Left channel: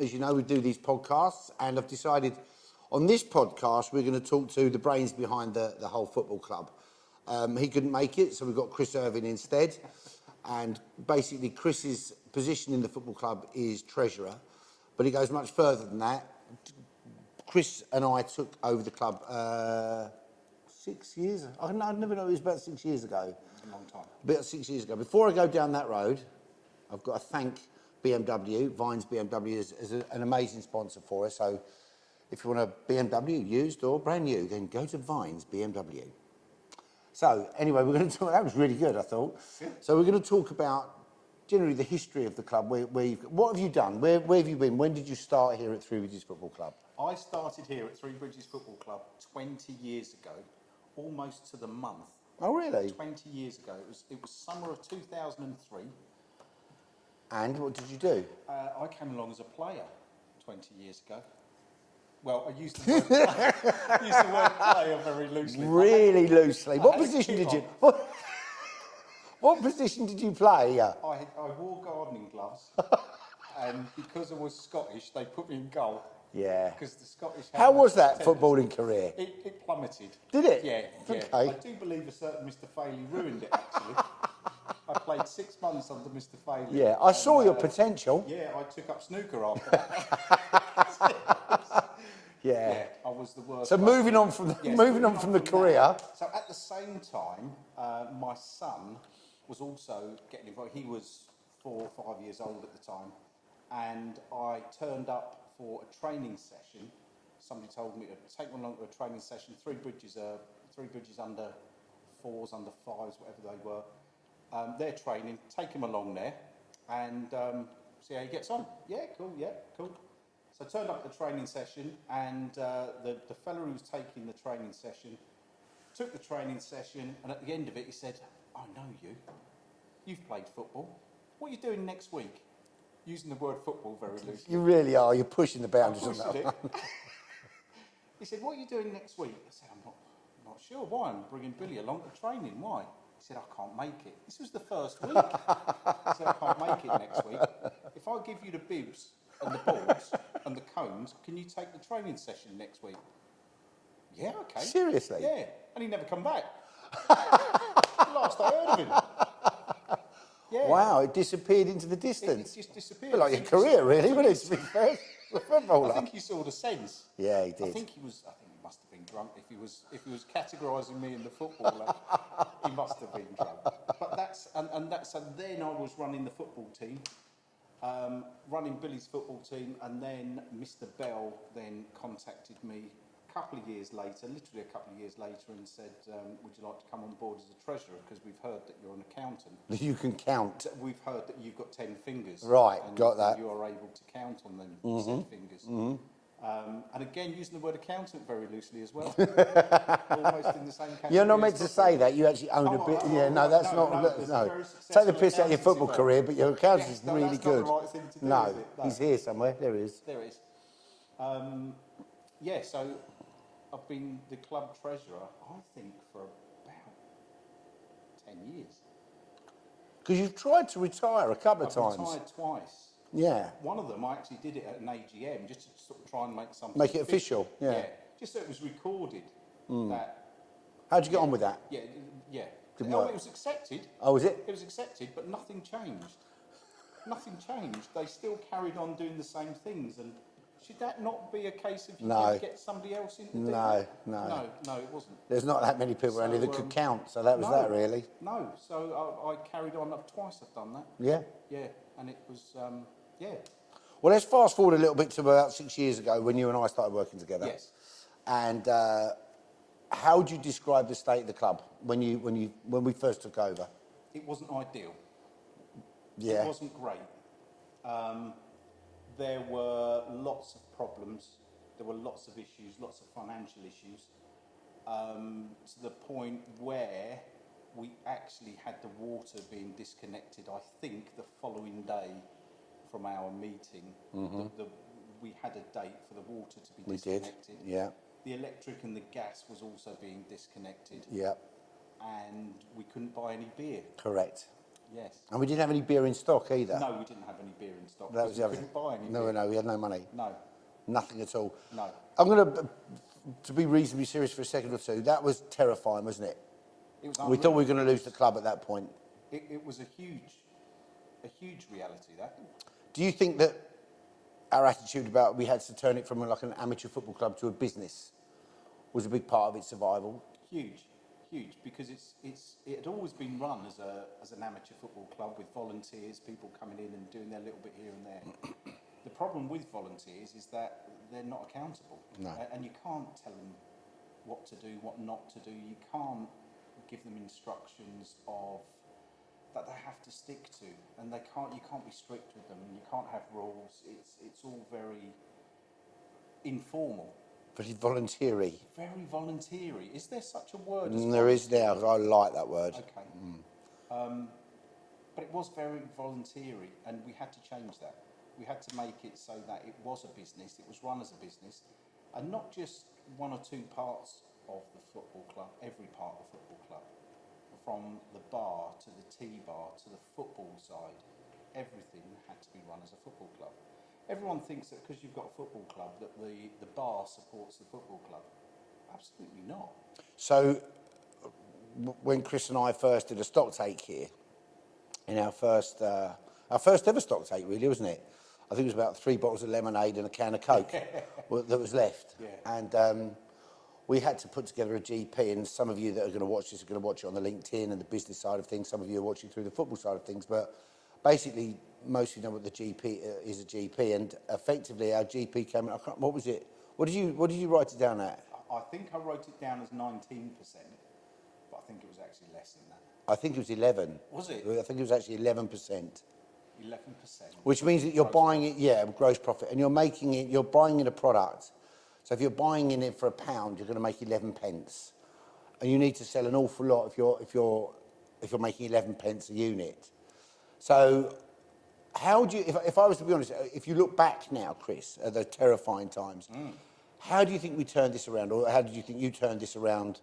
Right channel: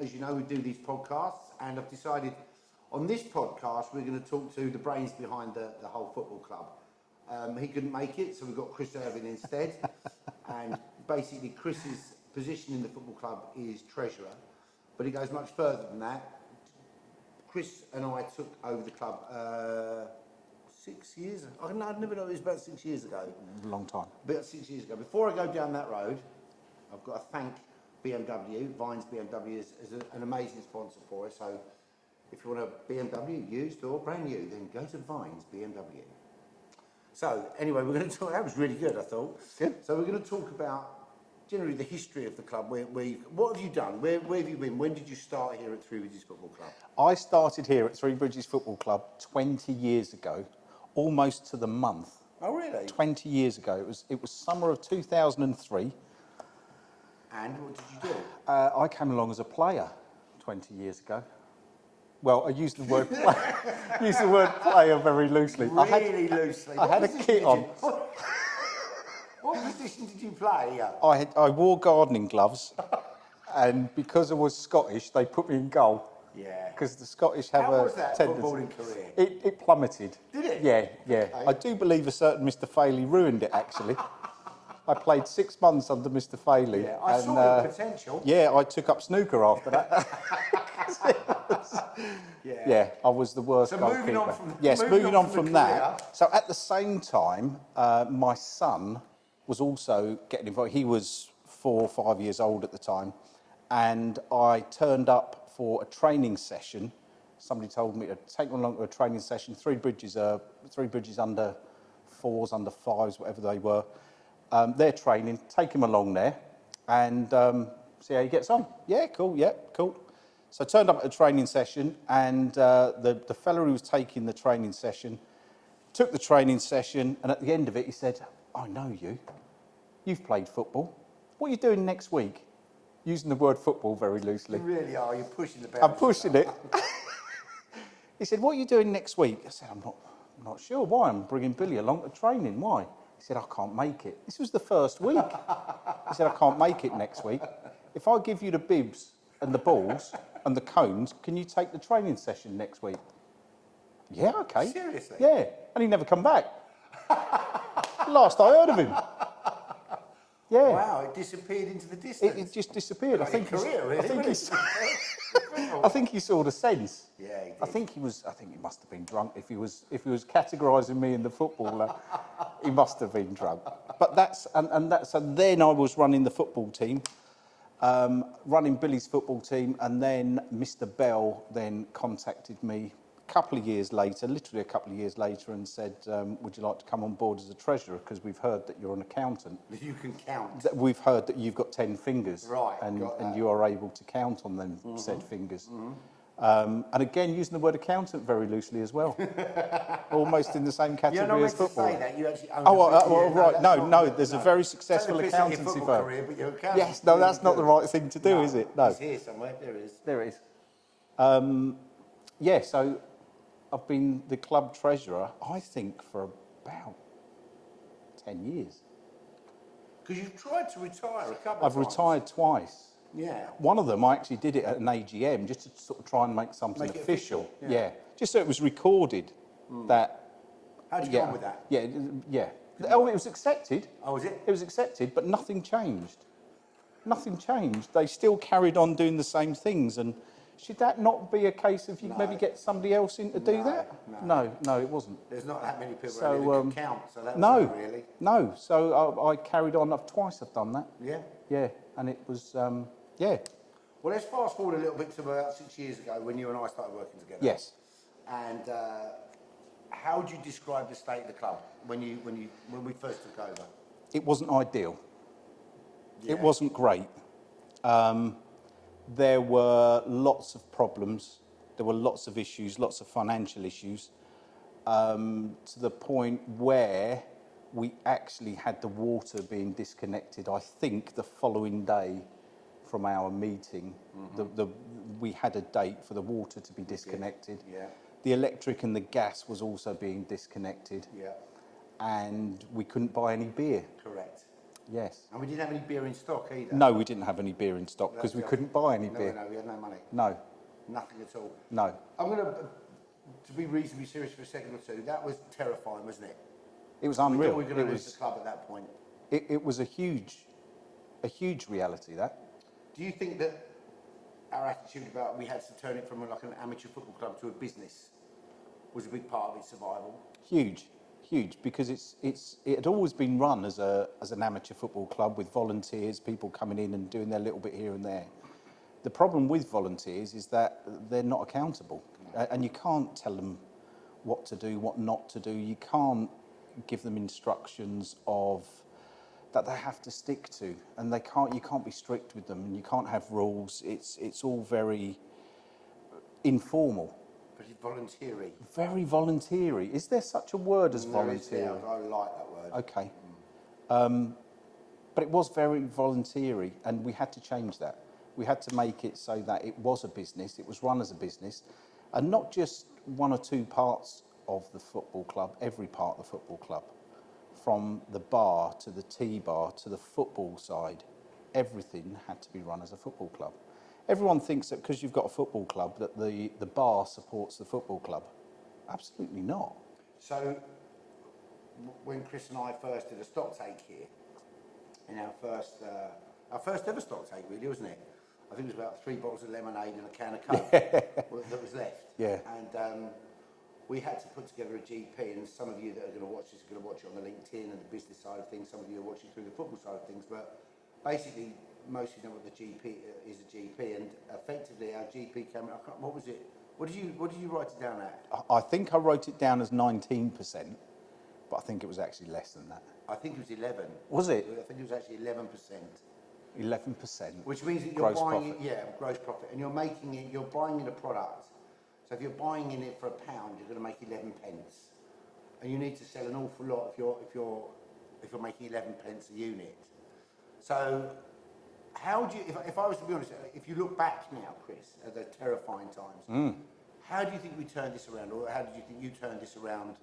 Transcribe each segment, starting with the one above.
as you know, we do these podcasts, and I've decided on this podcast we're going to talk to the brains behind the whole football club. He couldn't make it, so we've got Chris Irving instead. And basically, Chris's position in the football club is treasurer, but he goes much further than that. Chris and I took over the club 6 years. I never know, it was about 6 years ago. A long time. About 6 years ago. Before I go down that road, I've got to thank BMW. Vines BMW is an amazing sponsor for us. So if you want a BMW, used or brand new, then go to Vines BMW. So anyway, we're going to talk. That was really good, I thought. Good. So we're going to talk about generally the history of the club. What have you done? Where have you been? When did you start here at Three Bridges Football Club? I started here at Three Bridges Football Club 20 years ago, almost to the month. Oh, really? 20 years ago. It was summer of 2003. And what did you do? I came along as a player 20 years ago. Well, I used the word player, player very loosely. Really loosely. I had a kit on. What position did you play? I wore gardening gloves, and because I was Scottish, they put me in goal. Yeah. Because the Scottish have How was that tendency. footballing career? It plummeted. Did it? Yeah. Okay. I do believe a certain Mr. Faili ruined it, actually. I played 6 months under Mr. Faili. Yeah, I saw your potential. Yeah, I took up snooker after that. Yeah, I was the worst. So moving on from the career. That. So at the same time, my son was also getting involved. He was 4 or 5 years old at the time, and I turned up for a training session. Somebody told me to take him along to a training session. Three Bridges under 4s, under 5s, whatever they were. They're training. Take him along there, and see how he gets on. Yeah, cool. So I turned up at a training session, and the fella who was taking the training session took the training session, and at the end of it, he said, "I know you. You've played football. What are you doing next week?" Using the word football very loosely. You really are. You're pushing the boundaries. I'm pushing it. He said, "What are you doing next week?" I said, I'm not sure. Why? I'm bringing Billy along to training. Why? He said, "I can't make it." This was the first week. He said, "I can't make it next week. If I give you the bibs and the balls and the cones, can you take the training session next week?" Yeah, okay. Seriously? Yeah. And he never come back. Last I heard of him. Yeah. Wow, it disappeared into the distance. It just disappeared. Like your career, really, wasn't it? I think he saw the sense. Yeah, he did. I think he must have been drunk. If he was categorising me in the footballer, he must have been drunk. But and then I was running the football team, running Billy's football team, and then Mr. Bell then contacted me a couple of years later, literally a couple of years later, and said, "Would you like to come on board as a treasurer? Because we've heard that you're an accountant. You can count. We've heard that you've got 10 fingers. Right, and, got that. and you are able to count on them said fingers." And again, using the word accountant very loosely as well. Almost in the same category. You're not meant as to football. say that. You actually own right. There's a very successful Don't piss out your football firm. career, but your accountant. Yes, no, that's not the right thing to do, is it? No. It's here somewhere. There it is. There it is. Yeah, so I've been the club treasurer, I think, for about 10 years. Because you've tried to retire a couple of times. I've retired twice. Yeah. One of them, I actually did it at an AGM, just to sort of try and make something Make it official. Yeah. Just so it was recorded that... How'd you get on with that? Yeah. Didn't Oh, work. it was accepted. Oh, was it? It was accepted, but nothing changed. Nothing changed. They still carried on doing the same things. And should that not be a case of you No. maybe get somebody else in to do that? No, it wasn't. There's not that many people around here that can count, so that was No, that, really. no. So I carried on. Twice I've done that. Yeah. Yeah, and it was, yeah. Well, let's fast forward a little bit to about 6 years ago when you and I started working together. Yes. And how would you describe the state of the club when we first took over? It wasn't ideal. Yeah. It wasn't great. There were lots of problems. There were lots of issues, lots of financial issues, to the point where we actually had the water being disconnected, I think, the following day from our meeting. We had a date for the water to be disconnected. Yeah. The electric and the gas was also being disconnected. Yeah. And we couldn't buy any beer. Correct. Yes. And we didn't have any beer in stock either. No, we didn't have any beer in stock That because was we the other couldn't thing. buy any beer. No, we had no money. No, Nothing at all. no. I'm going to be reasonably serious for a second or two. That was terrifying, wasn't it? It was We unreal. thought we were going to lose the club at that point. It was a huge reality, that. Do you think that our attitude about we had to turn it from like an amateur football club to a business was a big part of its survival? Huge, because it had always been run as an amateur football club with volunteers, people coming in and doing their little bit here and there. The problem with volunteers is that they're not accountable, and you can't tell them what to do, what not to do. You can't give them instructions of that they have to stick to, and you can't be strict with them, and you can't have rules. It's all very informal. Very voluntary. Very voluntary. Is there such a word as There is voluntary? now. I like that word. Okay. But it was very voluntary, and we had to change that. We had to make it so that it was a business, it was run as a business, and not just one or two parts of the football club, every part of the football club. From the bar to the tea bar to the football side, everything had to be run as a football club. Everyone thinks that because you've got a football club that the bar supports the football club. Absolutely not. So, when Chris and I first did a stock take here, in our first ever stock take, really, wasn't it? I think it was about 3 bottles of lemonade and a can of Coke that was left. Yeah. And we had to put together a GP, and some of you that are going to watch this are going to watch it on the LinkedIn and the business side of things. Some of you are watching through the football side of things, but basically, most of you know what the GP is. A GP, and effectively, our GP came. What was it? What did you write it down at? I think I wrote it down as 19%, but I think it was actually less than that. I think it was 11. Was it? I think it was actually 11%. 11%. Which means that you're Gross buying profit. it, gross profit, and you're buying in a product. So if you're buying in it for £1, you're going to make 11 pence, and you need to sell an awful lot if you're making 11 pence a unit. So, how do you? If I was to be honest, if you look back now, Chris, at the terrifying times, how do you think we turned this around, or how did you think you turned this around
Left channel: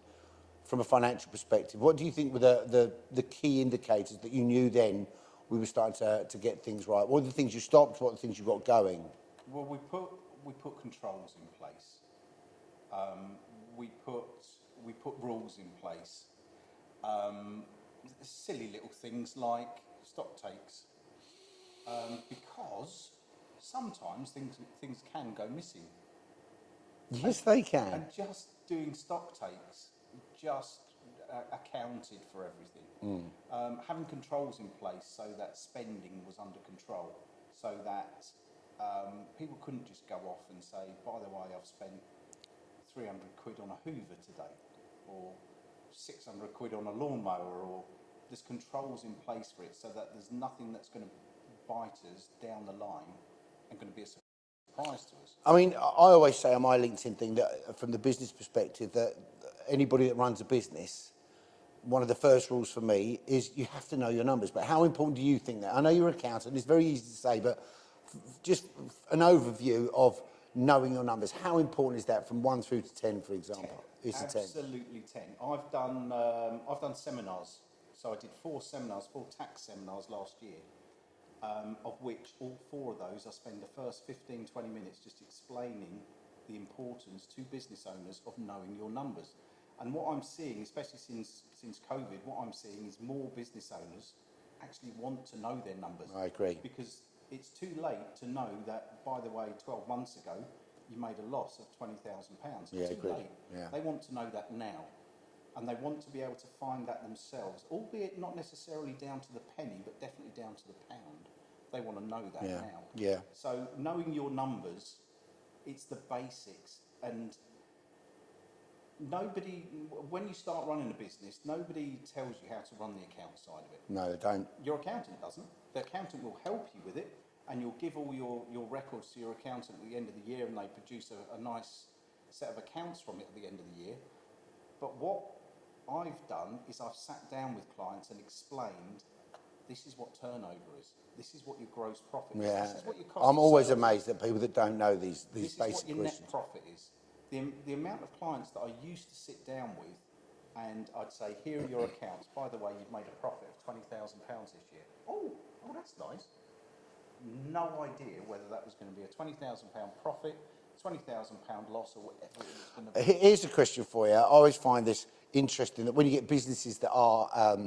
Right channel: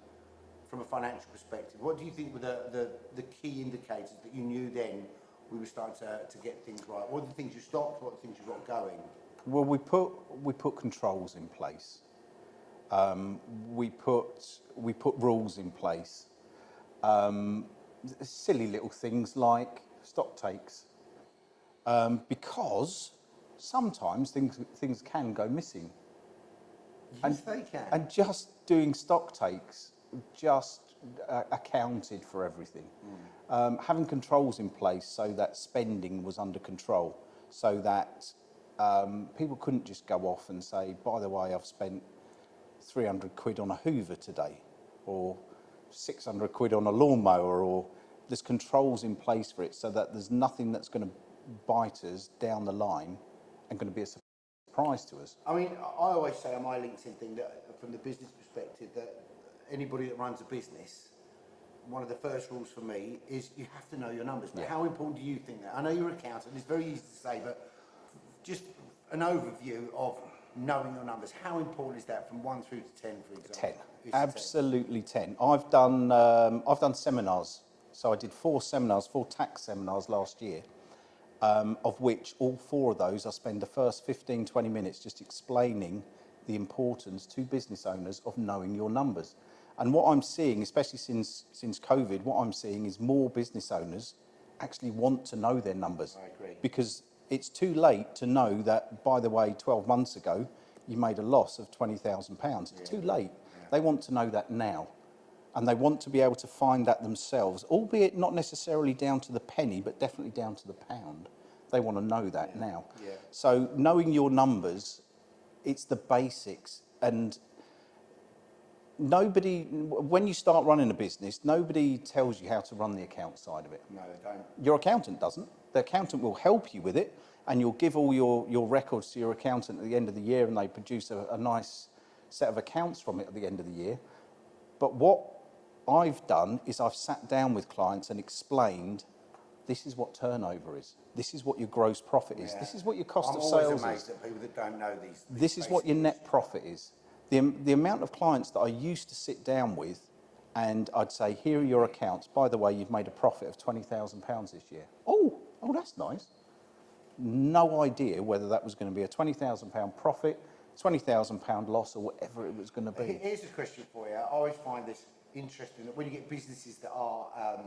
from a financial perspective? What do you think were the key indicators that you knew then we were starting to get things right? What are the things you stopped? What are the things you got going? Well, we put controls in place. We put rules in place. Silly little things like stock takes, because sometimes things can go missing. Yes, they can. And just doing stock takes just accounted for everything. Having controls in place so that spending was under control, so that people couldn't just go off and say, by the way, I've spent 300 quid on a Hoover today, or 600 quid on a lawnmower, or there's controls in place for it so that there's nothing that's going to bite us down the line and going to be a surprise to us. I mean, I always say on my LinkedIn thing that from the business perspective, that anybody that runs a business, one of the first rules for me is you have to know your numbers. But how important do you think that? I know you're an accountant, it's very easy to say, but just an overview of knowing your numbers. How important is that from 1 through to 10, for example? 10. Is it 10? Absolutely 10. I've done seminars. So I did 4 tax seminars last year, of which all 4 of those I spend the first 15, 20 minutes just explaining the importance to business owners of knowing your numbers. And what I'm seeing, especially since COVID, what I'm seeing is more business owners actually want to know their numbers. I agree. Because it's too late to know that, by the way, 12 months ago, you made a loss of £20,000. It's too late. Yeah. They want to know that now. And they want to be able to find that themselves, albeit not necessarily down to the penny, but definitely down to the pound. They want to know that now. Yeah. So knowing your numbers, it's the basics. And when you start running a business, nobody tells you how to run the account side of it. No, they don't. Your accountant doesn't. The accountant will help you with it, and you'll give all your records to your accountant at the end of the year, and they produce a nice set of accounts from it at the end of the year. But what I've done is I've sat down with clients and explained, this is what turnover is. This is what your gross profit is. Yeah. This is what your cost I'm of always sales amazed is. at people that don't know these This is what basic your net questions. profit is. The amount of clients that I used to sit down with and I'd say, here are your accounts. By the way, you've made a profit of £20,000 this year. Oh, that's nice. No idea whether that was going to be a £20,000 profit, £20,000 loss, or whatever it was going to be. Here's a question for you. I always find this interesting that when you get businesses that are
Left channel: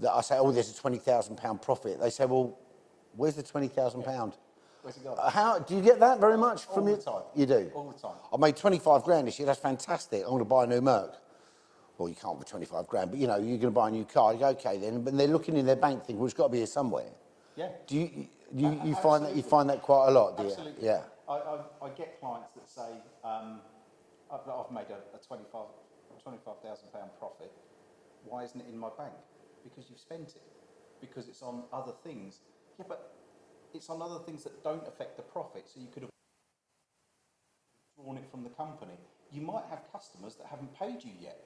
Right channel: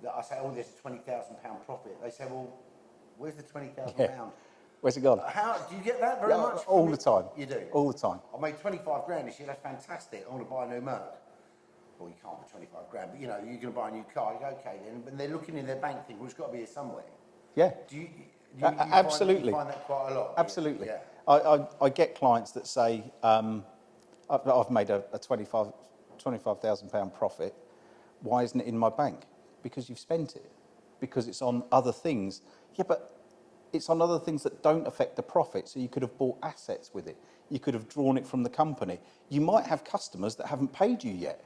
that I say, oh, there's a £20,000 profit. They say, well, where's the £20,000? Yeah. Where's it gone? How do you get that very much? All the time. You do All the time. I made 25 grand this year. That's fantastic. I'm going to buy a new Merc. Well, you can't for 25 grand, but you know, you're going to buy a new car. You go, okay, then. But they're looking in their bank, thinking, well, it's got to be here somewhere. Yeah. Do you Absolutely. find that quite a lot? Absolutely. Yeah. I get clients that say, I've made a £25,000 profit. Why isn't it in my bank? Because you've spent it. Because it's on other things. Yeah, but it's on other things that don't affect the profit. So you could have bought assets with it. You could have drawn it from the company. You might have customers that haven't paid you yet.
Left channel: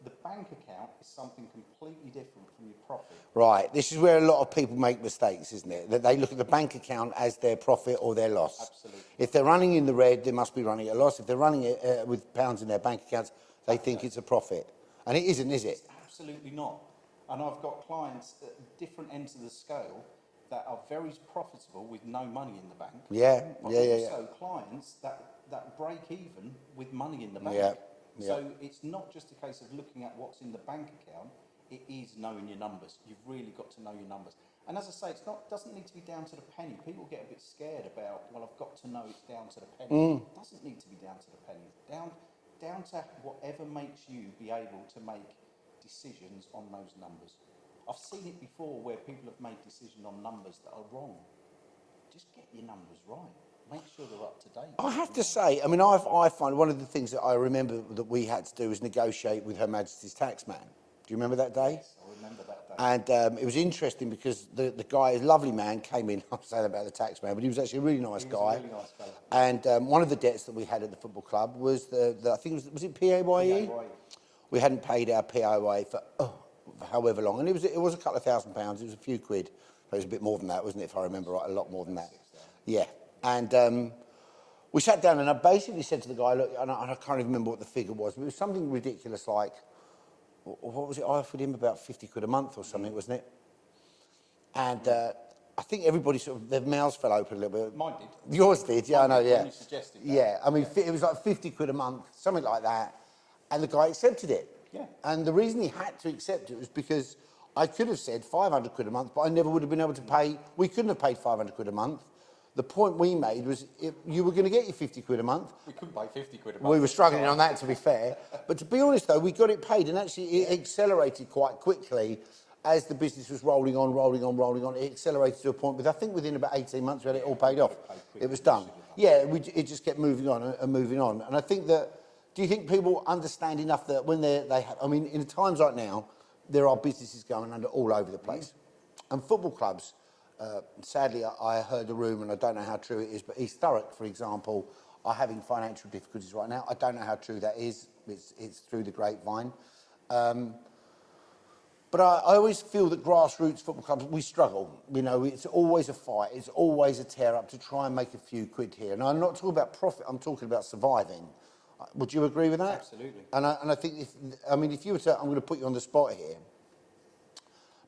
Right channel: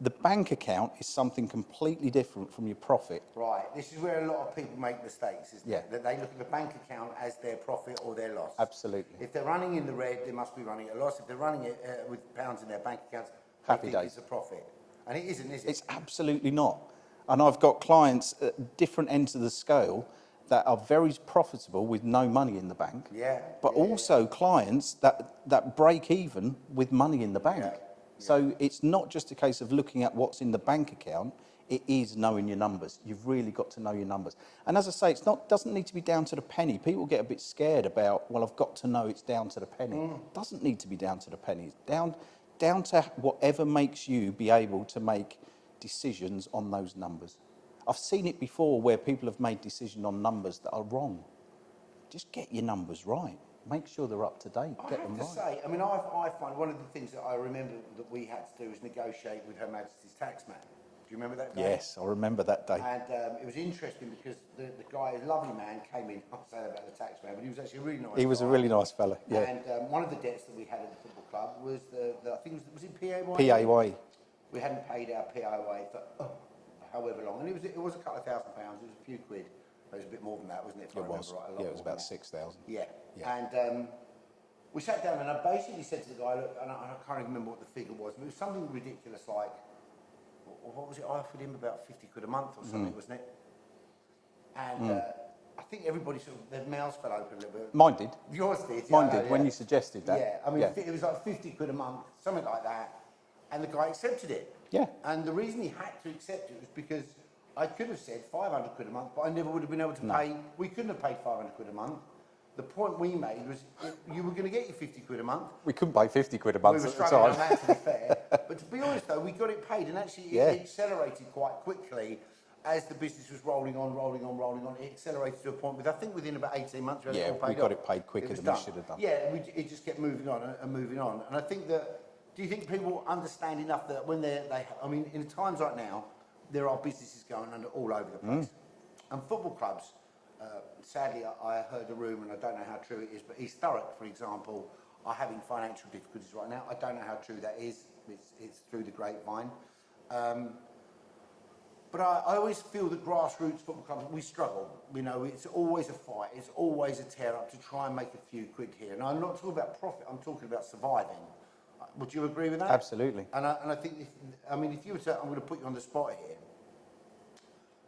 The bank account is something completely different from your profit. Right. This is where a lot of people make mistakes, isn't it? That they look at the bank account as their profit or their loss. Absolutely. If they're running in the red, they must be running at a loss. If they're running it with pounds in their bank accounts, they think it's a profit. And it isn't, is it? It's absolutely not. And I've got clients at different ends of the scale that are very profitable with no money in the bank. Yeah. But also clients that break even with money in the bank. Yeah. So it's not just a case of looking at what's in the bank account, it is knowing your numbers. You've really got to know your numbers. And as I say, doesn't need to be down to the penny. People get a bit scared about, well, I've got to know it's down to the penny. It doesn't need to be down to the penny. Down to whatever makes you be able to make decisions on those numbers. I've seen it before where people have made decisions on numbers that are wrong. Just get your numbers right. Make sure they're up to date. I have to say, I mean, I find one of the things that I remember that we had to do was negotiate with Her Majesty's Taxman. Do you remember that day? Yes, I remember that day. And it was interesting because the guy, a lovely man, came in. I'm saying about the taxman, but he was actually a really nice guy. He was a really nice fella. Yeah. And one of the debts that we had at the football club was I think was it PAYE? PAYE. We hadn't paid our PAYE for however long, and it was a couple of £1,000. It was a few quid. It was a bit more than that, wasn't it? If I remember right, a lot more than that. 6,000. Yeah. And we sat down, and I basically said to the guy, look, and I can't even remember what the figure was, but it was something ridiculous like, what was it? I offered him about 50 quid a month or something, wasn't it? And I think everybody sort of, their mouths fell open a little bit. Mine did. Yours did, yeah, I know, yeah. When you suggested that. Yeah, I mean, it was like 50 quid a month, something like that. And the guy accepted it. Yeah. And the reason he had to accept it was because I could have said 500 quid a month, but I never would have been able to pay, we couldn't have paid 500 quid a month. The point we made was you were going to get your 50 quid a month. We couldn't pay 50 quid a month. We were struggling on that, to be fair. But to be honest, though, we got it paid, and actually it accelerated quite quickly as the business was rolling on. It accelerated to a point, I think within about 18 months, we had it all paid off. Got it paid quicker. It was than done. we should have done. Yeah, it just kept moving on and moving on. And I think that, do you think people understand enough that when I mean, in times like now, there are businesses going under all over the place. And football clubs, sadly, I heard a rumour, and I don't know how true it is, but East Thurrock, for example, are having financial difficulties right now. I don't know how true that is. It's through the grapevine. But I always feel that grassroots football clubs, we struggle. You know, it's always a fight. It's always a tear-up to try and make a few quid here. And I'm not talking about profit. I'm talking about surviving. Would you agree with that? Absolutely. And I think, if you were to, I'm going to put you on the spot here,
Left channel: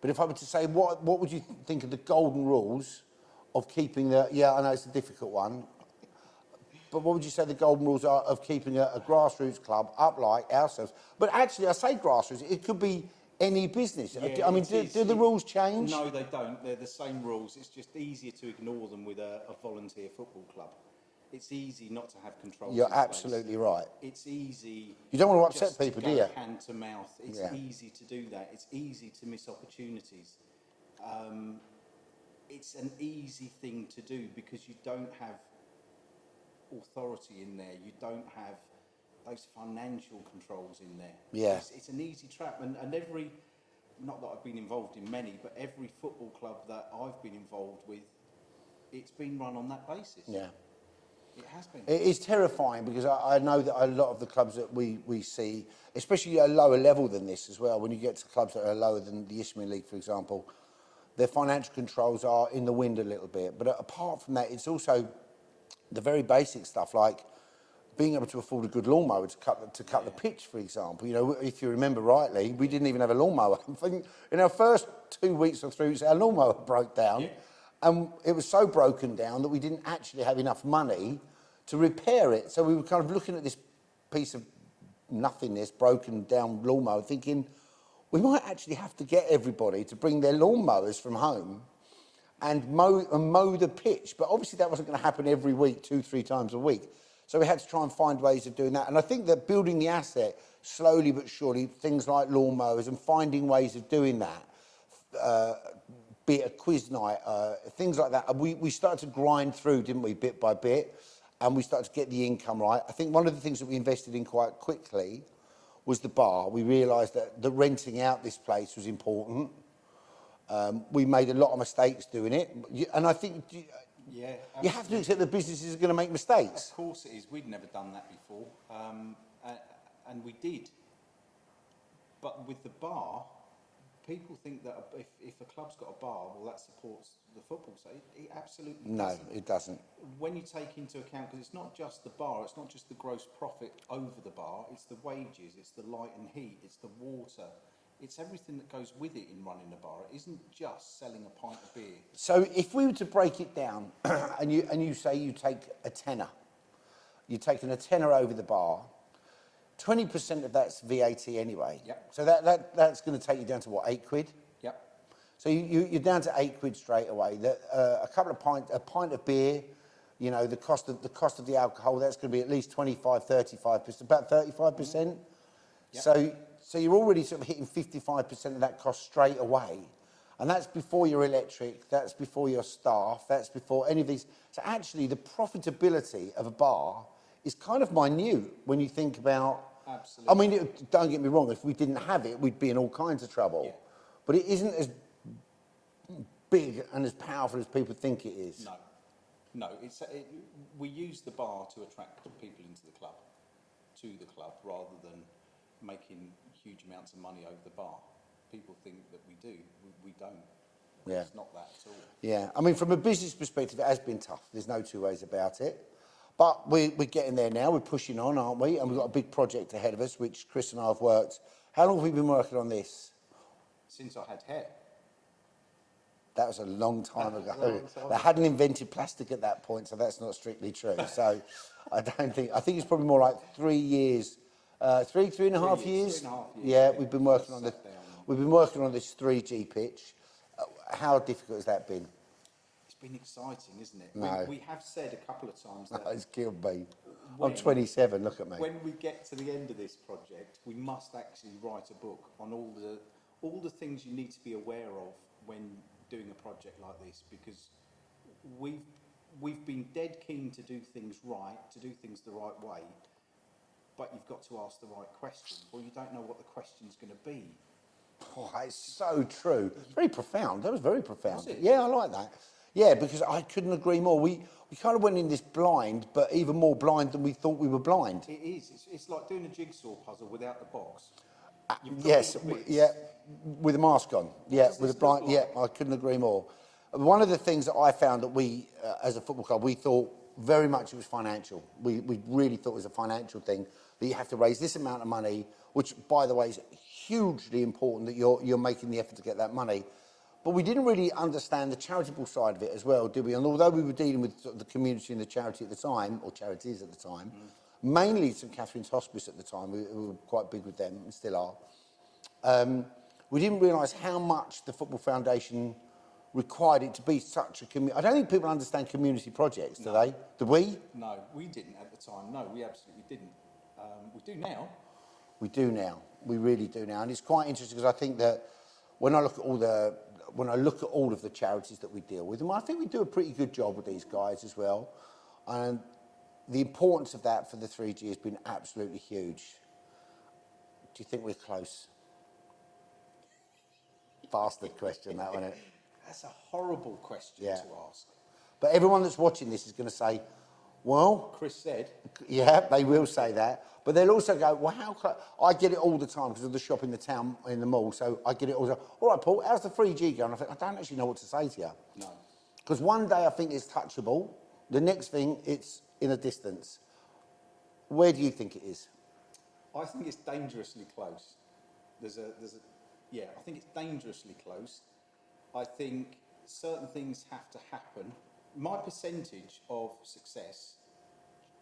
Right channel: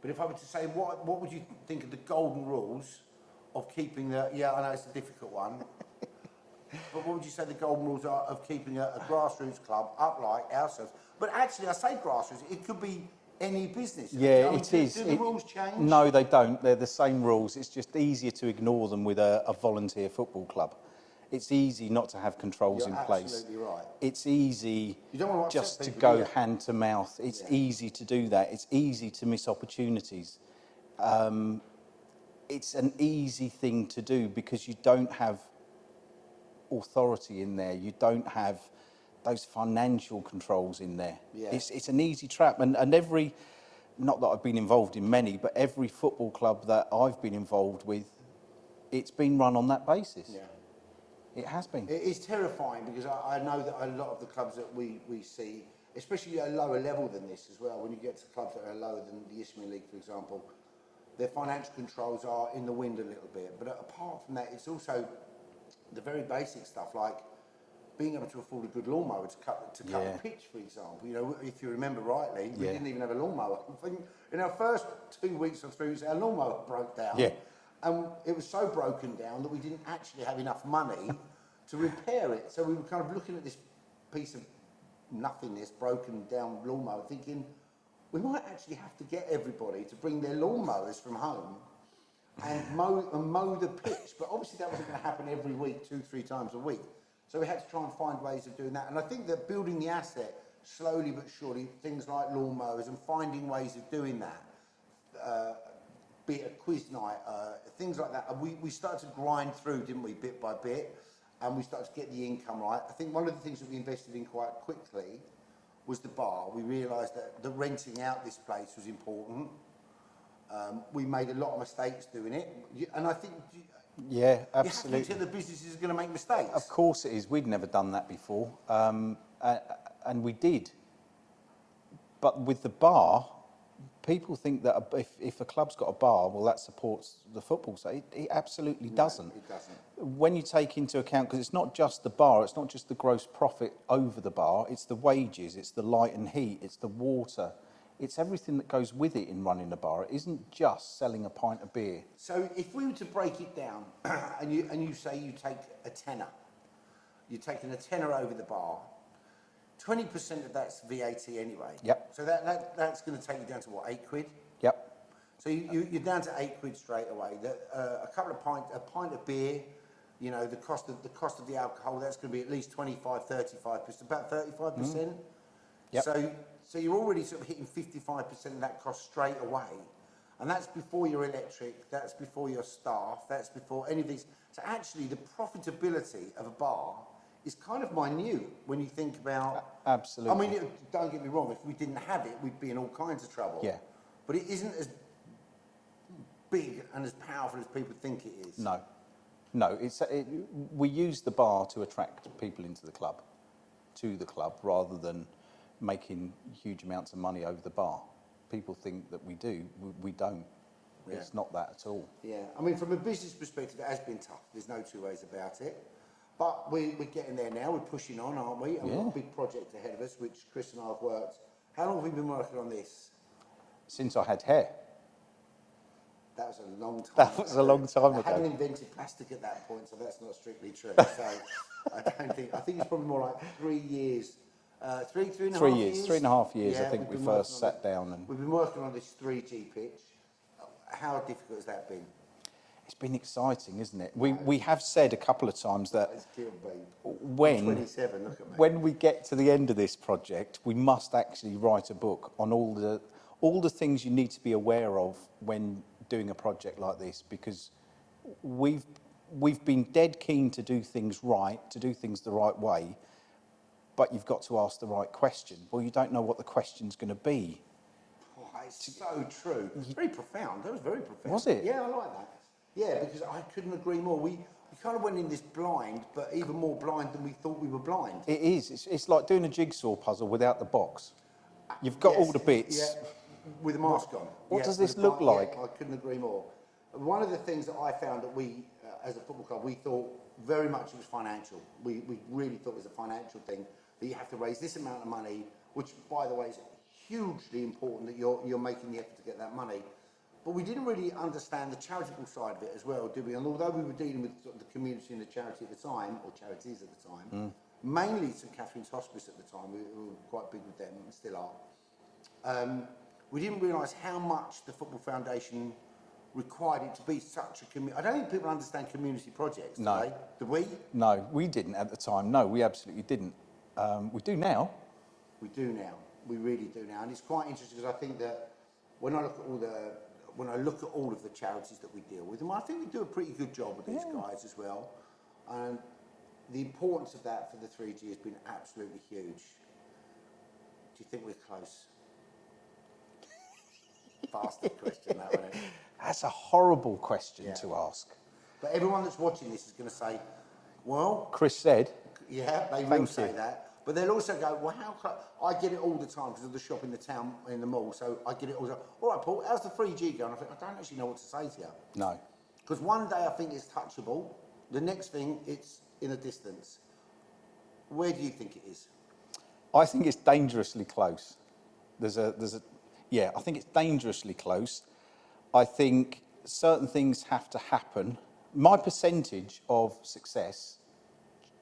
but if I were to say, what would you think of the golden rules of keeping I know it's a difficult one, but what would you say the golden rules are of keeping a grassroots club up like ourselves? But actually, I say grassroots, it could be any business. Yeah, I mean, do the rules change? No, they don't. They're the same rules. It's just easier to ignore them with a volunteer football club. It's easy not to have controls in place. You're absolutely right. It's easy you don't want to just upset people, to go do you? hand to mouth. It's easy to do that. It's easy to miss opportunities. It's an easy thing to do because you don't have authority in there. You don't have those financial controls in there. Yeah. It's an easy trap. And every, not that I've been involved in many, but every football club that I've been involved with, it's been run on that basis. Yeah. It has been. It is terrifying because I know that a lot of the clubs that we see, especially at a lower level than this as well, when you get to clubs that are lower than the Isthmian League, for example, their financial controls are in the wind a little bit. But apart from that, it's also the very basic stuff like being able to afford a good lawnmower to cut Yeah. the pitch, for example. You know, if you remember rightly, we didn't even have a lawnmower. I think in our first 2 weeks or 3 weeks, our lawnmower broke down. Yeah. And it was so broken down that we didn't actually have enough money to repair it. So we were kind of looking at this piece of nothingness, broken down lawnmower, thinking we might actually have to get everybody to bring their lawnmowers from home and mow the pitch. But obviously that wasn't going to happen every week, 2-3 times a week. So we had to try and find ways of doing that. And I think that building the asset, slowly but surely, things like lawnmowers and finding ways of doing that, be it a quiz night, things like that. We started to grind through, didn't we, bit by bit, and we started to get the income right. I think one of the things that we invested in quite quickly was the bar. We realised that renting out this place was important. We made a lot of mistakes doing it, and I think Yeah, you have to absolutely. accept that businesses are going to make mistakes. Of course it is. We'd never done that before, and we did. But with the bar, people think that if a club's got a bar, well, that supports the football. So it absolutely doesn't. No, it doesn't. When you take into account, because it's not just the bar, it's not just the gross profit over the bar, it's the wages, it's the light and heat, it's the water, it's everything that goes with it in running a bar. It isn't just selling a pint of beer. So if we were to break it down, and you say you take a tenner, you're taking a tenner over the bar, 20% of that's VAT anyway. Yep. So that's going to take you down to what, £8? Yep. So you're down to £8 straight away. A pint of beer, you know, the cost of the alcohol, that's going to be at least 25, 35%, about 35%. Yep. So you're already sort of hitting 55% of that cost straight away. And that's before your electric, that's before your staff, that's before any of these. So actually the profitability of a bar is kind of minute when you think about... Absolutely. I mean, don't get me wrong, if we didn't have it, we'd be in all kinds of trouble. Yeah. But it isn't as big and as powerful as people think it is. No, we use the bar to attract people into the club, rather than making huge amounts of money over the bar. People think that we do, we don't. Yeah. It's not that at all. Yeah, I mean, from a business perspective, it has been tough. There's no two ways about it. But we're getting there now. We're pushing on, aren't we? And we've got a big project ahead of us, which Chris and I have worked. How long have we been working on this? Since I had hair. That was a long time That ago. was a long time They ago. hadn't invented plastic at that point, so that's not strictly true. So I think it's probably more like 3 years. 3.5 years? 3.5 years, Yeah, I think we've been we working first on sat down and- We've been working on this 3G pitch. How difficult has that been? It's been exciting, isn't it? No. We have said a couple of times that It's killed me. when I'm 27, look at me. when we get to the end of this project, we must actually write a book on all the things you need to be aware of when doing a project like this, because we've been dead keen to do things right, to do things the right way, but you've got to ask the right question. Well, you don't know what the question's going to be. Oh, it's so true. Very profound. That was very profound. Was it? Yeah, I like that. Yeah, because I couldn't agree more. We kind of went in this blind, but even more blind than we thought we were blind. It is. It's like doing a jigsaw puzzle without the box. You've got all the bits. Yeah, with a mask on. What does this with a look like? Yeah, I couldn't agree more. One of the things that I found that we, as a football club, we thought very much it was financial. We really thought it was a financial thing, that you have to raise this amount of money, which, by the way, is hugely important that you're making the effort to get that money. But we didn't really understand the charitable side of it as well, did we? And although we were dealing with sort of the community and the charity at the time, or charities at the time, mainly St Catherine's Hospice at the time, we were quite big with them and still are, we didn't realise how much the Football Foundation required it to be such a community. I don't think people understand community projects, do they? Do we? No, we didn't at the time. No, we absolutely didn't. We do now. We do now. We really do now. And it's quite interesting because I think that when I look at all of the charities that we deal with, and I think we do a pretty good job with these guys as well. And the importance of that for the 3G has been absolutely huge. Do you think we're close? Bastard question, that one. That's a horrible question Yeah. to ask. But everyone that's watching this is going to say, well, Chris said, yeah, they will Thank say you. that. But they'll also go, well, how close? I get it all the time because of the shop in the town, in the mall. So I get it all the time. All right, Paul, how's the 3G going? I think, I don't actually know what to say to you. no. Because one day I think it's touchable. The next thing, it's in a distance. Where do you think it is? I think it's dangerously close. Yeah, I think it's dangerously close. I think certain things have to happen. My percentage of success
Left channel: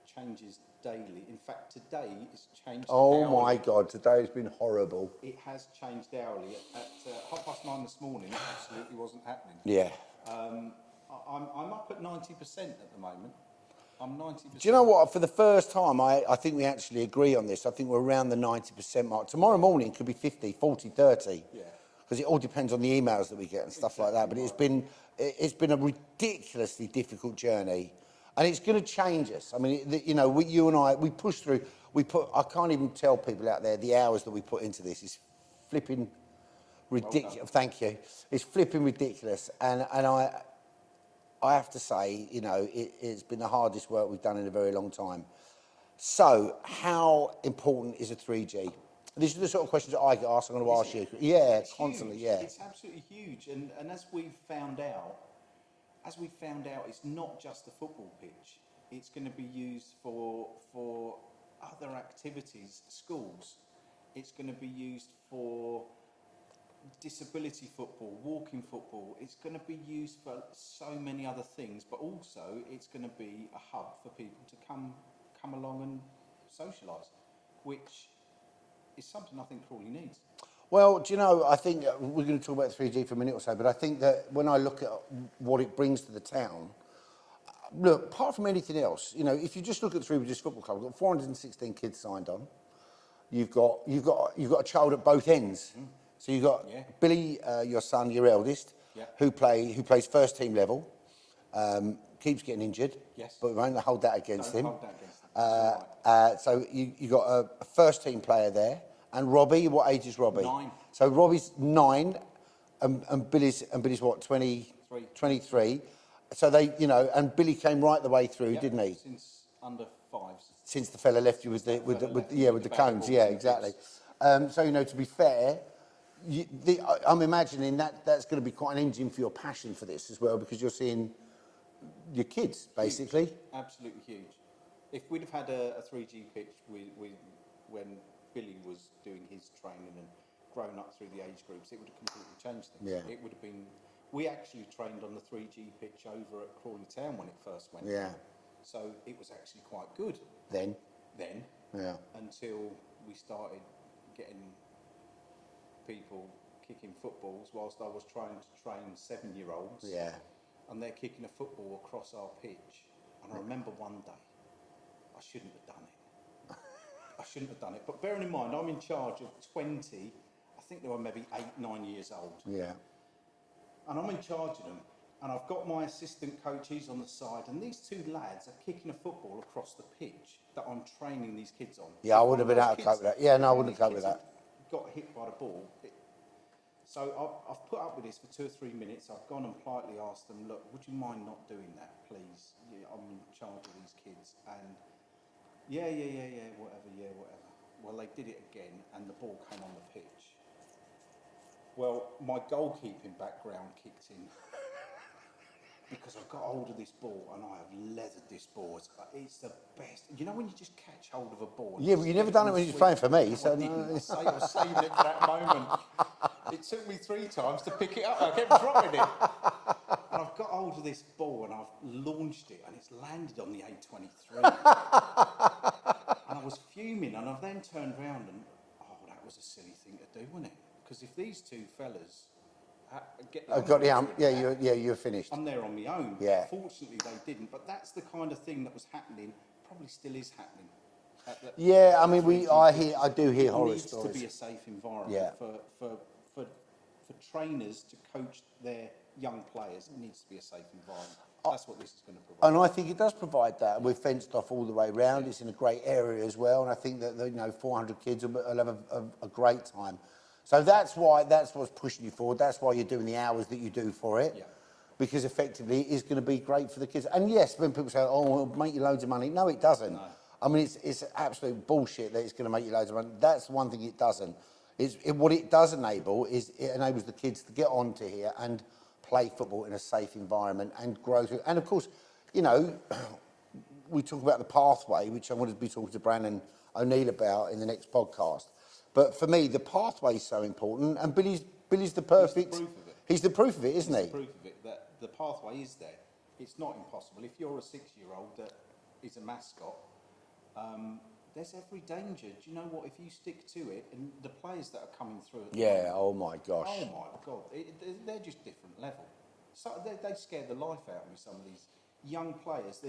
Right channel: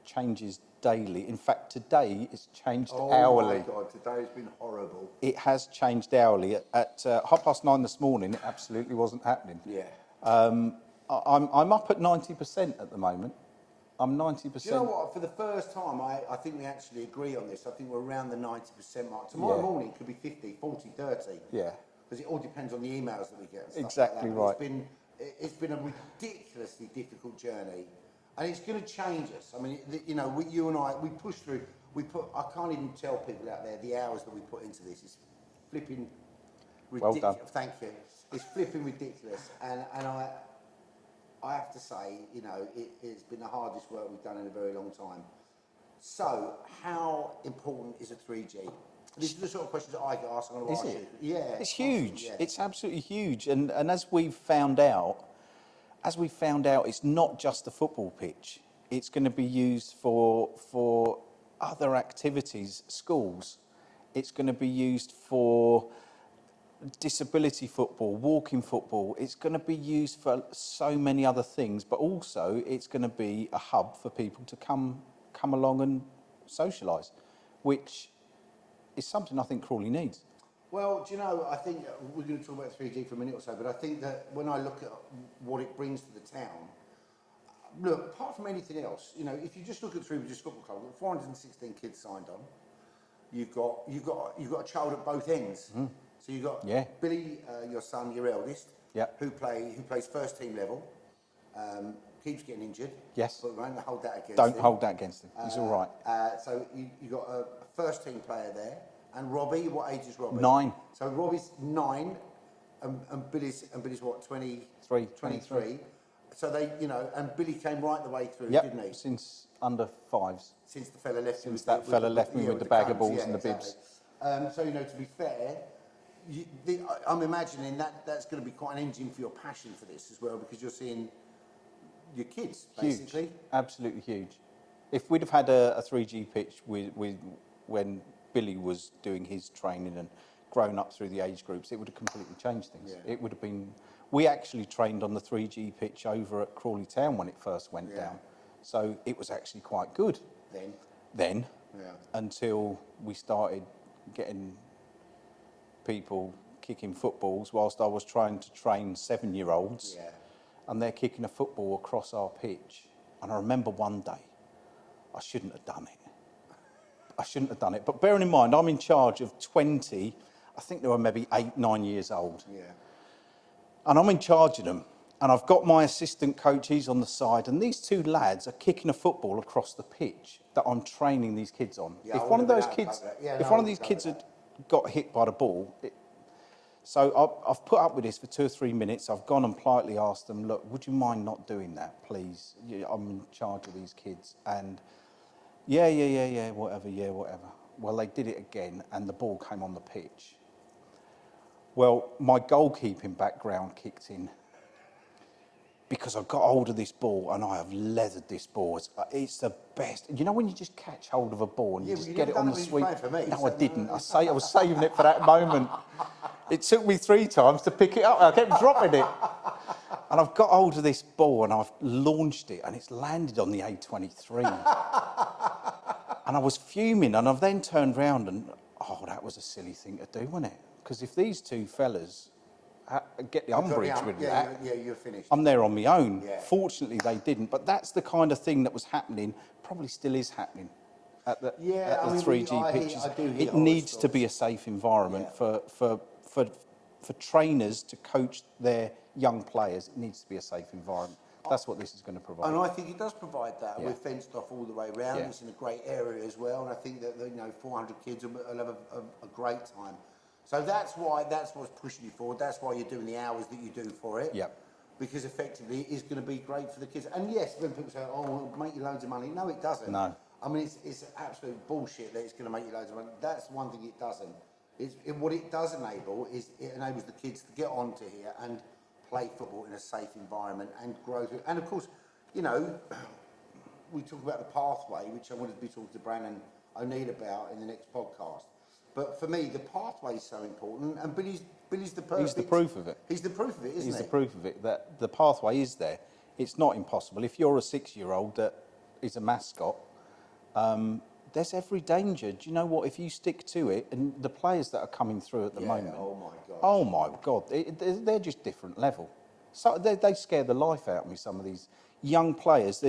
changes daily. In fact, today it's changed hourly. Oh my God, today's been horrible. It has changed hourly. At 9:30 this morning, it absolutely wasn't happening. Yeah. I'm up at 90% at the moment. I'm 90%. Do you know what? For the first time, I think we actually agree on this. I think we're around the 90% mark. Tomorrow morning it could be 50, 40, 30. Yeah. Because it all depends on the emails that we get and stuff Exactly like that. But right. it's been a ridiculously difficult journey, and it's going to change us. I mean, you and I, we push through. I can't even tell people out there the hours that we put into this. It's flipping ridiculous. Well done. Thank you. It's flipping ridiculous, and I have to say, it's been the hardest work we've done in a very long time. So, how important is a 3G? These are the sort of questions that I get asked. I'm going to ask you. Yeah, it's huge. Yeah. It's absolutely huge. And as we've found out, it's not just the football pitch. It's going to be used for other activities, schools. It's going to be used for disability football, walking football. It's going to be used for so many other things, but also it's going to be a hub for people to come along and socialise, which is something I think Crawley needs. Well, do you know, I think we're going to talk about 3G for a minute or so, but I think that when I look at what it brings to the town, look, apart from anything else, if you just look at Three Bridges Football Club, we've got 416 kids signed on. You've got a child at both ends. Mm. So you've got Billy, your son, your eldest, who plays first team level, keeps getting injured. Yes. But we won't hold that against him. Don't hold that against him. It's all right. So you got a first team player there. And Robbie, what age is Robbie? 9. So Robbie's 9, and Billy's what, 23. So they, and Billy came right the way through, didn't he? Since under 5s. Since the fella left you with the bag of balls, yeah, exactly. So to be fair, I'm imagining that's going to be quite an engine for your passion for this as well, because you're seeing your kids basically. Huge. Absolutely huge. If we'd have had a 3G pitch with when Billy was doing his training and grown up through the age groups, it would have completely changed things. Yeah. It would have been. We actually trained on the 3G pitch over at Crawley Town when it first went down, so it was actually quite good then. Until we started getting people kicking footballs whilst I was trying to train 7-year-olds, and they're kicking a football across our pitch. And I remember one day, I shouldn't have done it. But bearing in mind, I'm in charge of 20, I think they were maybe 8, 9 years old. Yeah. And I'm in charge of them. And I've got my assistant coach, he's on the side, and these 2 lads are kicking a football across the pitch that I'm training these kids on. Yeah, I would have been able to cope with that. Yeah, if one of these kids had got hit by the ball, so I've put up with this for 2 or 3 minutes. I've gone and politely asked them, look, would you mind not doing that, please? I'm in charge of these kids. And whatever. Well, they did it again, and the ball came on the pitch. Well, my goalkeeping background kicked in because I got hold of this ball and I have leathered this ball. It's the best. You know when you just catch hold of a ball? And but you never done it when you were playing for me. No, I didn't. I was saving it for that moment. It took me 3 times to pick it up. I kept dropping it. And I've got hold of this ball and I've launched it and it's landed on the A23. And I was fuming, and I've then turned round and, that was a silly thing to do, wasn't it? Because if these 2 fellas get the umbrage with that, you're finished. I'm there on my own. Yeah. Fortunately, they didn't. But that's the kind of thing that was happening, probably still is happening. I do hear it needs to be a safe environment for trainers to coach their young players. It needs to be a safe environment. That's what this is going to provide. And I think it does provide that. We're fenced off all the way around. Yeah. It's in a great area as well. And I think that 400 kids will have a great time. So that's what's pushing you forward. That's why you're doing the hours that you do for it. Yeah. Because effectively it is going to be great for the kids. And yes, when people say, it'll make you loads of money. No, it doesn't. No. I mean, it's absolute bullshit that it's going to make you loads of money. That's one thing it doesn't. What it does enable is it enables the kids to get onto here and play football in a safe environment and grow through. And of course, we talk about the pathway, which I wanted to be talking to Brandon ONeill about in the next podcast. But for me, the pathway is so important, and Billy's the perfect. He's the proof of it. He's the proof of it, isn't he? He's the proof of it, that the pathway is there. It's not impossible. If you're a 6-year-old that is a mascot, there's every danger. Do you know what? If you stick to it, and the players that are coming through at the moment... oh my gosh. Oh my God, they're just different level. So they scare the life out of me, some of these young players.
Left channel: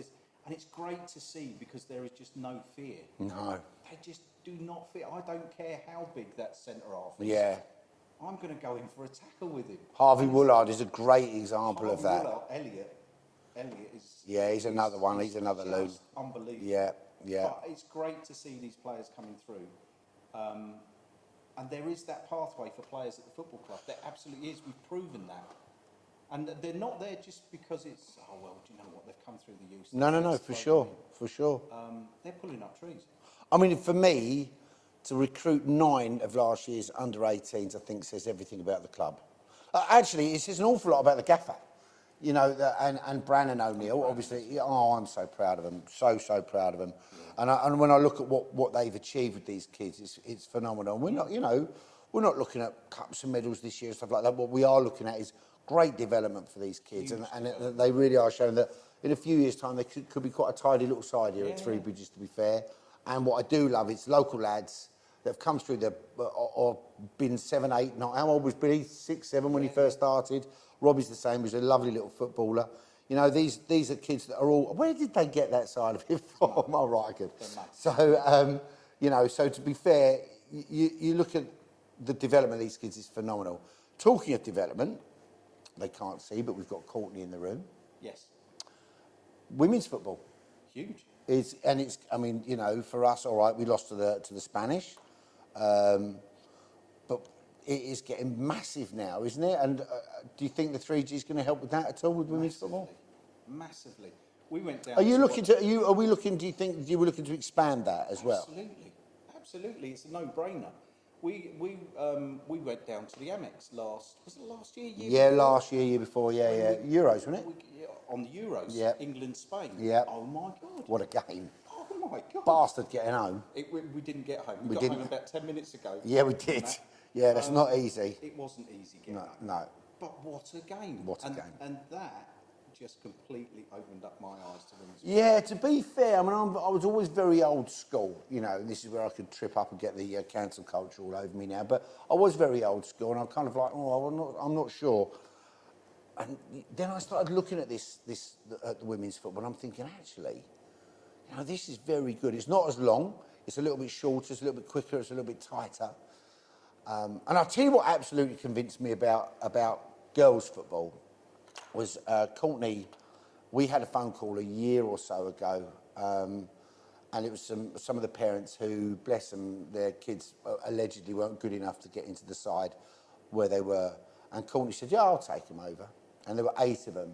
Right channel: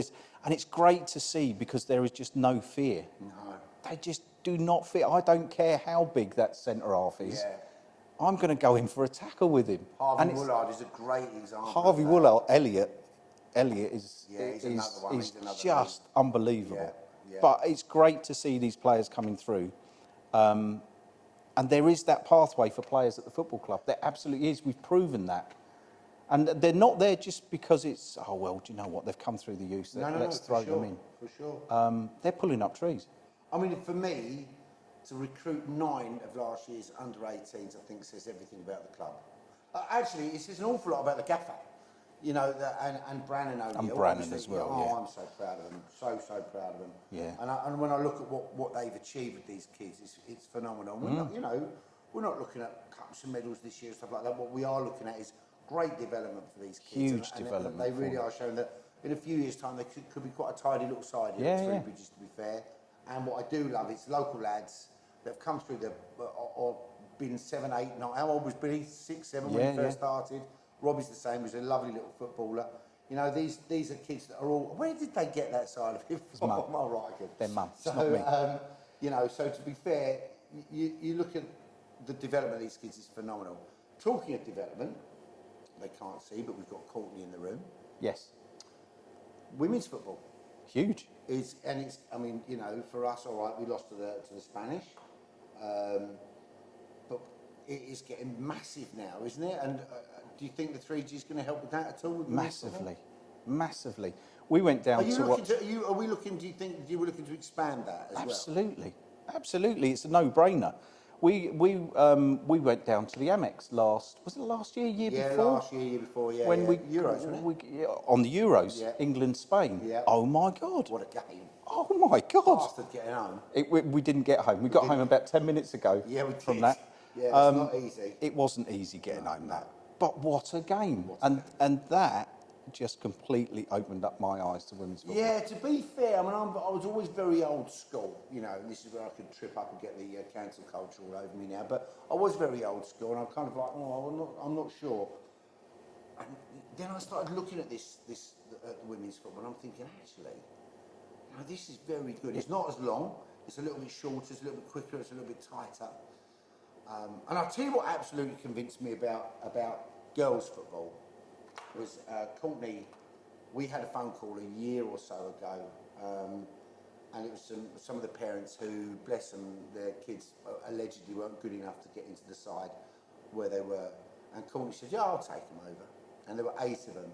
And it's great to see because there is just no fear. No. They just do not fear. I don't care how big that centre half is. Yeah. I'm going to go in for a tackle with him. Harvey Woolard is a great example of that. Harvey Woolard, Elliot is... Yeah, he's another one. He's another just unbelievable. Yeah, yeah. But it's great to see these players coming through. And there is that pathway for players at the football club. There absolutely is. We've proven that. And they're not there just because it's, oh, well, do you know what? They've come through the youth. No, for sure. For sure. They're pulling up trees. I mean, for me, to recruit 9 of last year's under-18s, I think says everything about the club. Actually, it says an awful lot about the gaffer. You know, and Brandon ONeill, obviously. As well, oh, yeah. I'm so proud of him. So proud of him. Yeah. And when I look at what they've achieved with these kids, it's phenomenal. We're not, you know, we're not looking at cups and medals this year and stuff like that. What we are looking at is great development for these kids. Huge development. They really are showing that in a few years' time, they could be quite a tidy little side here at Three Bridges, to be fair. And what I do love is local lads that have come through or been 7, 8, 9. How old was Billy? 6, 7 when he first started. Robbie's the same. He's a lovely little footballer. You know, these are kids that are all... Where did they get that side of it from? Oh, right, good. Their mum. So, you know, so to be fair, you look at the development of these kids is phenomenal. Talking of development, they can't see, but we've got Courtney in the room. Yes. Women's football. Huge. I mean, you know, for us, all right, we lost to the Spanish. But it is getting massive now, isn't it? And do you think the 3G is going to help with that at all? With Massively. We went down. Are we looking to expand that as well? Absolutely. It's a no-brainer. We went down to the Amex last year, year before? Last year before, Euros, wasn't it? On the Euros, England, Spain. Yeah. Oh my God. What a game. Oh my God. Bastard getting home. We didn't get home. We got home about 10 minutes ago. Yeah, we did. Yeah, that's not easy. It wasn't easy getting home. No. But what a game. And that just completely opened up my eyes to women's football. Yeah, to be fair, I mean, I was always very old school, you know, and this is where I could trip up and get the cancel culture all over me now, but I was very old school, and I'm kind of like, I'm not sure. And then I started looking at this at the women's football, and I'm thinking, actually, you know, this is very good. It's not as long, it's a little bit shorter, it's a little bit quicker, it's a little bit tighter. And I'll tell you what absolutely convinced me about girls' football was Courtney. We had a phone call a year or so ago, and it was some of the parents who, bless them, their kids allegedly weren't good enough to get into the side where they were. And Courtney said, yeah, I'll take them over. And there were 8 of them.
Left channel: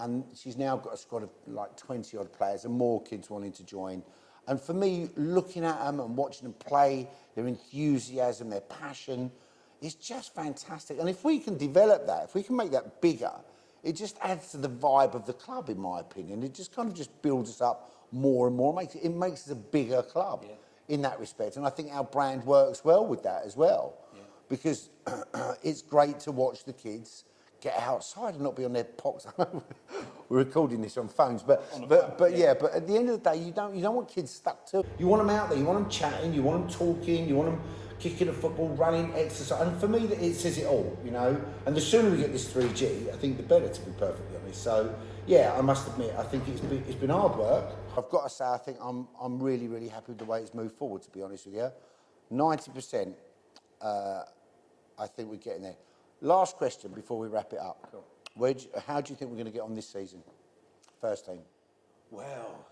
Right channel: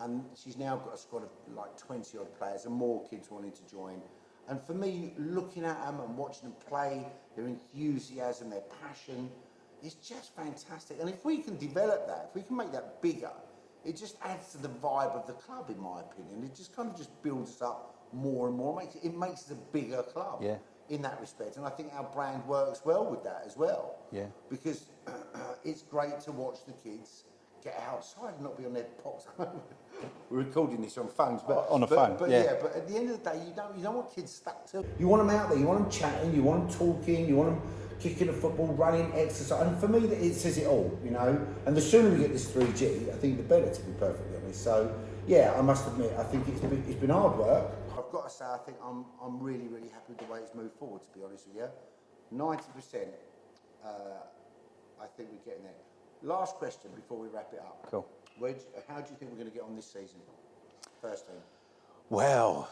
And she's now got a squad of like 20 odd players and more kids wanting to join. And for me, looking at them and watching them play, their enthusiasm, their passion, is just fantastic. And if we can develop that, if we can make that bigger, it just adds to the vibe of the club, in my opinion. It just kind of just builds us up more and more. It makes us a bigger club in that respect. And I think our brand works well with that as well. Yeah. Because it's great to watch the kids get outside and not be on their pox. We're recording this on phones, but on a phone. But at the end of the day, you don't want kids stuck to. You want them out there. You want them chatting. You want them talking. You want them kicking the football, running, exercise. And for me, it says it all. You know. And the sooner we get this 3G, I think the better. To be perfectly honest. So yeah, I must admit, I think it's been hard work. I've got to say, I think I'm really happy with the way it's moved forward. To be honest with you, 90%. I think we're getting there. Last question before we wrap it up. Cool. How do you think we're going to get on this season? First team. Well,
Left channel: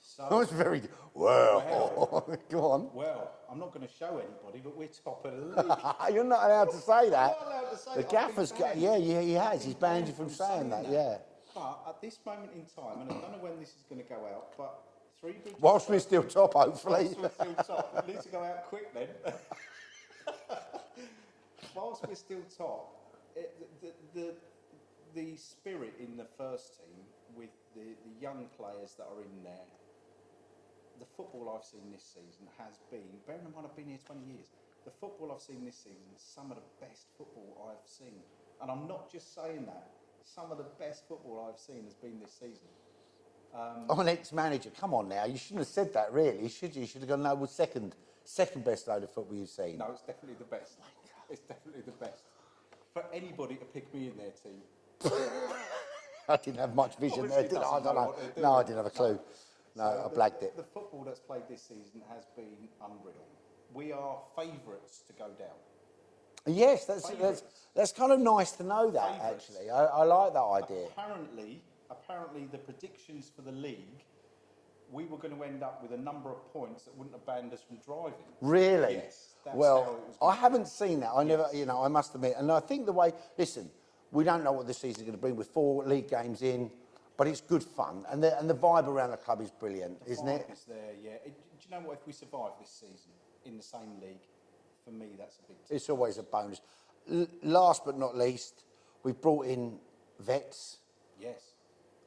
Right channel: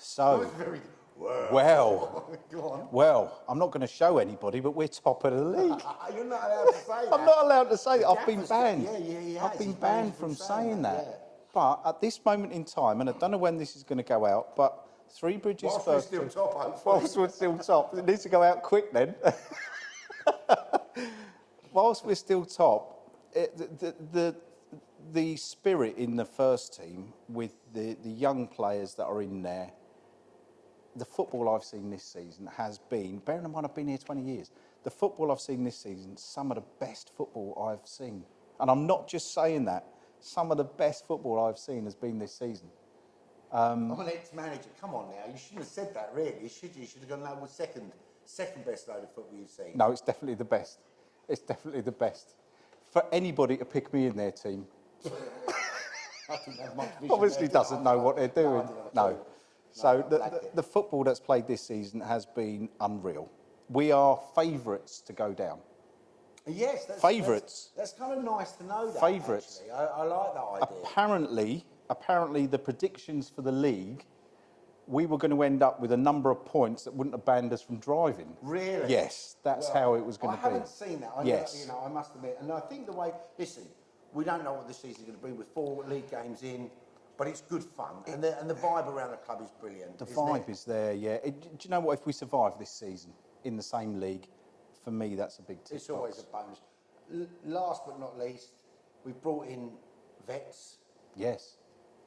so... That's very... Well... Go on. Well, I'm not going to show anybody, but we're top of the league. You're not allowed to say that. I'm not allowed to say that. I've been banned. He has. I've been banned from saying that. Yeah. But at this moment in time, and I don't know when this is going to go out, but Three Bridges... Whilst we're still top, hopefully. Whilst we're still top. It needs to go out quick then. Whilst we're still top, the spirit in the first team with the young players that are in there the football I've seen this season has been, bearing in mind I've been here 20 years, the football I've seen this season, some of the best football I've seen. And I'm not just saying that. Some of the best football I've seen has been this season. I'm an ex-manager. Come on now, you shouldn't have said that, really, should you? You should have gone, no, well, second best load of football you've seen. No, it's definitely the best. It's definitely the best. For anybody to pick me in their team, I didn't have much vision. obviously there, did I? doesn't I know don't what they're doing. No, I didn't have a clue. No. So I blagged it. the football that's played this season has been unreal. We are favourites to go down. Yes, that's Favourites. That's kind of nice to know that. Favourites. Actually. I like that idea. Apparently, the predictions for the league, we were going to end up with a number of points that wouldn't have banned us from driving. Really? Yes, that's well, how it was going to be. I haven't seen that. Yes. I must admit. And I think the way, listen, we don't know what this season's going to bring with 4 league games in, but it's good fun. And the vibe around the club is brilliant. The isn't vibe it? is there, yeah. Do you know what? If we survive this season in the same league, for me, that's a big tick It's always a bonus. Last but not least, we've brought in vets. Yes.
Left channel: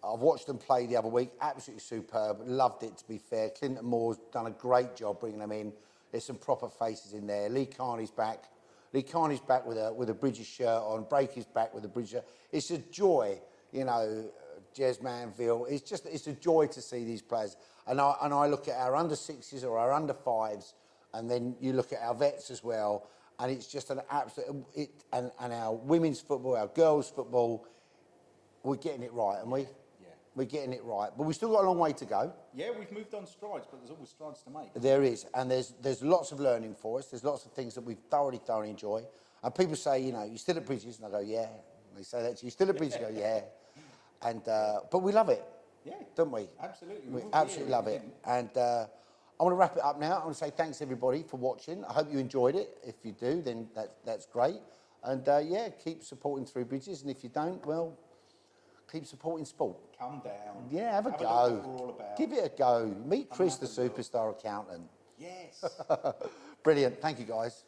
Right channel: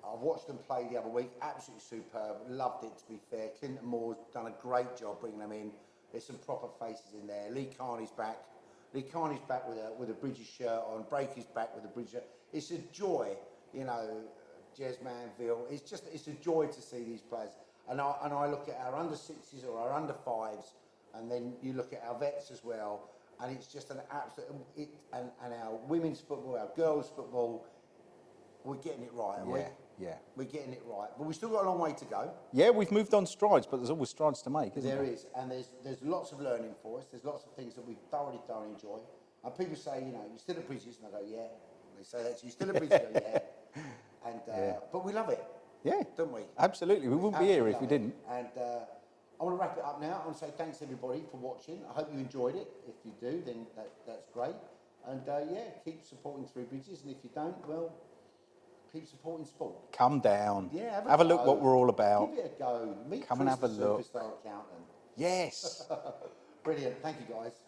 I've watched them play the other week. Absolutely superb. Loved it, to be fair. Clinton Moore's done a great job bringing them in. There's some proper faces in there. Lee Carney's back. Lee Carney's back with a Bridges shirt on. Breaky's back with a Bridges shirt. It's a joy, Jez Manville. It's a joy to see these players. And I look at our under 6s or our under 5s, and then you look at our vets as well, and it's just an absolute. And our women's football, our girls' football, we're getting it right, aren't we? Yeah. We're getting it right, but we've still got a long way to go. Yeah, we've moved on strides, but there's always strides to make. There is, and there's lots of learning for us. There's lots of things that we thoroughly enjoy. And people say, you're still at Bridges, and I go, yeah. They say that to you, still at Bridges, I go, yeah. And but we love it, Yeah, don't we? absolutely. We wouldn't be here if we didn't. And I want to wrap it up now. I want to say thanks everybody for watching. I hope you enjoyed it. If you do, then that's great. And keep supporting Through Bridges. And if you don't, well, keep supporting sport. Come down. Yeah, have a look what we're all about. Give it a go. Meet Come Chris, and the have a look. superstar accountant. Yes. Brilliant. Thank you, guys.